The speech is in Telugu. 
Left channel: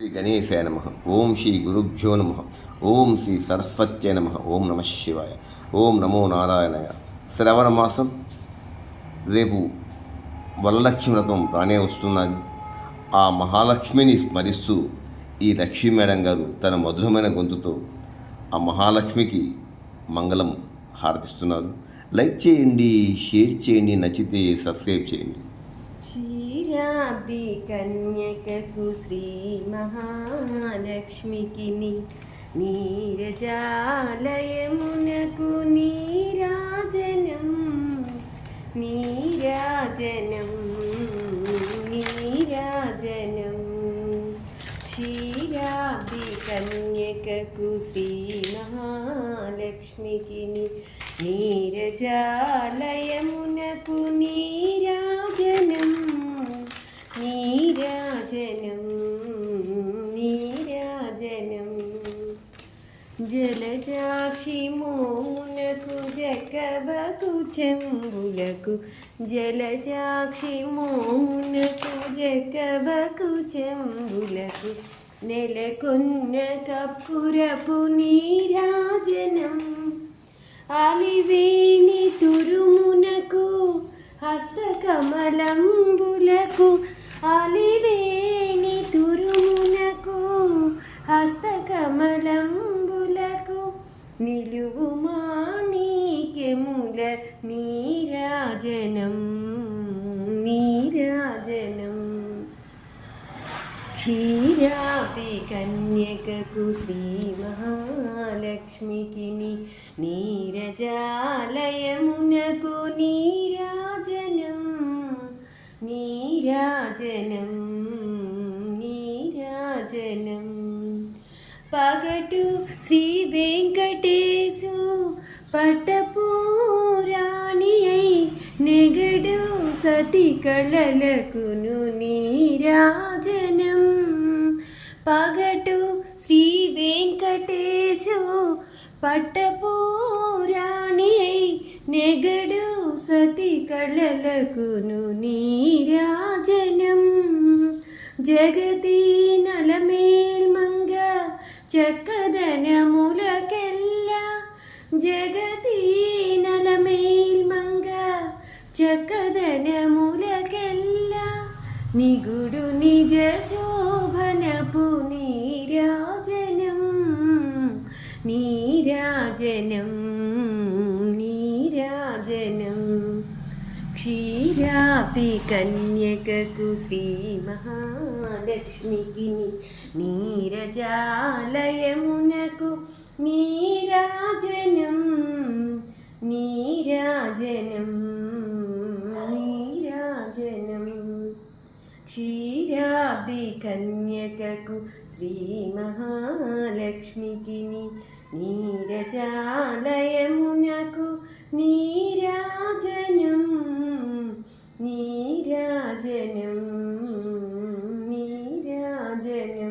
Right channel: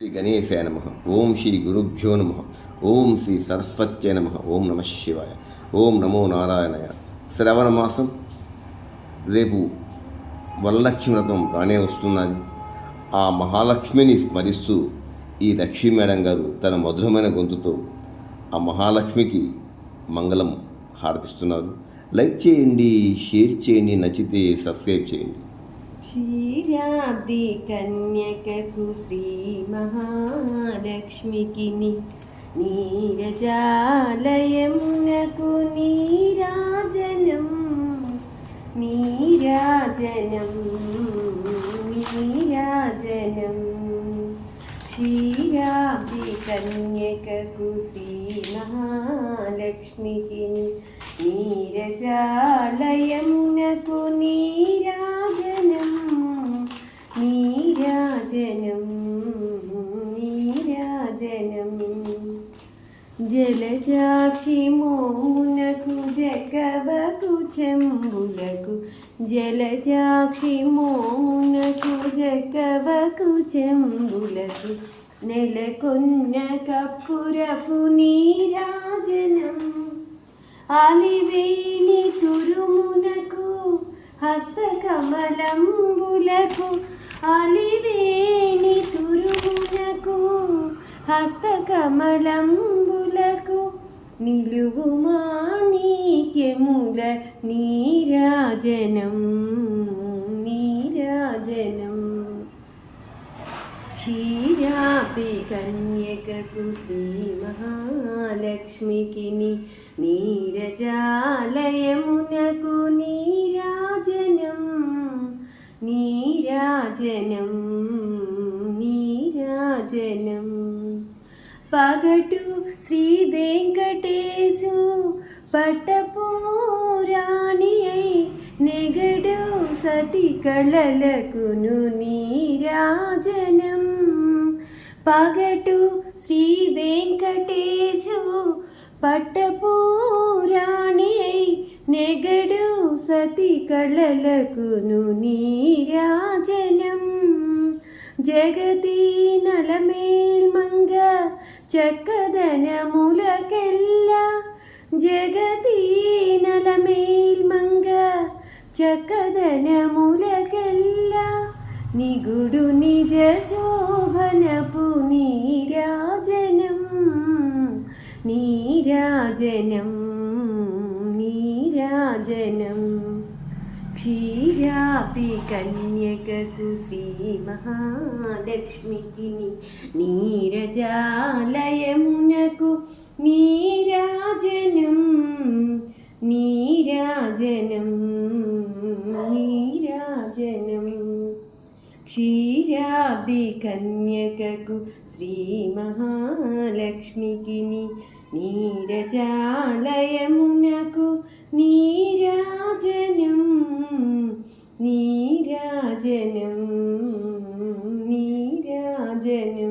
శ్రీ గణేశాయ నమ. ఓం శ్రీ గురుభ్యో నమ. ఓం శ్రీ సరస్వత్యై నమ. ఓం నమ శివాయ. ఓం నమో నారాయణాయ. శ్రవణ మాసం, రేపు వరలక్ష్మి వ్రతం రానే వస్తున్నది. ఆ మహాలక్ష్మిని స్మరిస్తూ ఈ లక్ష్మీ మేడం గారు తన మధురమైన గొంతుతో ఆ మహాలక్ష్మికి మంగళం హారతిస్తున్నారు. లైక్ చేయండి, షేర్ చేయండి, నచ్చితే సబ్స్క్రైబ్ చేయండి. క్షీరాబ్ది కన్యకకు శ్రీ మహాలక్ష్మికి నీరజాలయమునకు నీరాజనం నీరాజనం నీరాజనం. క్షీరాబ్ది కన్యకకు శ్రీ మహాలక్ష్మికి నీరజాలయమునకు నీరాజనం నీరాజనం నీరాజనం. జలజాక్షి మోమునకు జకవకు చెంబులకు జలజాక్షి మోమునకు జకవకు చెంబులకు నెలకొన్న కప్పురపు నీరాజనం. అలివేణి తురుమునకు హస్తకమలంబులకు అలివేణి తురుమునకు హస్తకమలంబులకు నిలువు మాణిక్యముల నీరాజనం నీరాజనం. క్షీరాబ్ది కన్యకకు శ్రీ మహాలక్ష్మికి నీరజాలయమునకు నీరాజనం నీరాజనం నీరాజనం. పగటు శ్రీ వెంకటేశు పట్టపురాణి అయి నెగడు సతి కళలకును నీరాజనం. పగటు శ్రీ వెంకటేశు పట్టపురాణి అయి నెగడు సతి కళలకును నీరాజనం. జగతి నలమేల్మంగ చక్కదనములకెల్ల జగతి నలమేల్మంగ చక్కదనములకెల్ల నిగుడు నిజ శోభనపు నీరాజనం నీరాజనం నీరాజనం. క్షీరాబ్ది కన్యకకు శ్రీ మహాలక్ష్మికి నీరజాలయమునకు నీరాజనం నీరాజనం నీరాజనం. క్షీరాబ్ది కన్యకకు శ్రీ మహాలక్ష్మికి నీరజాలయమునకు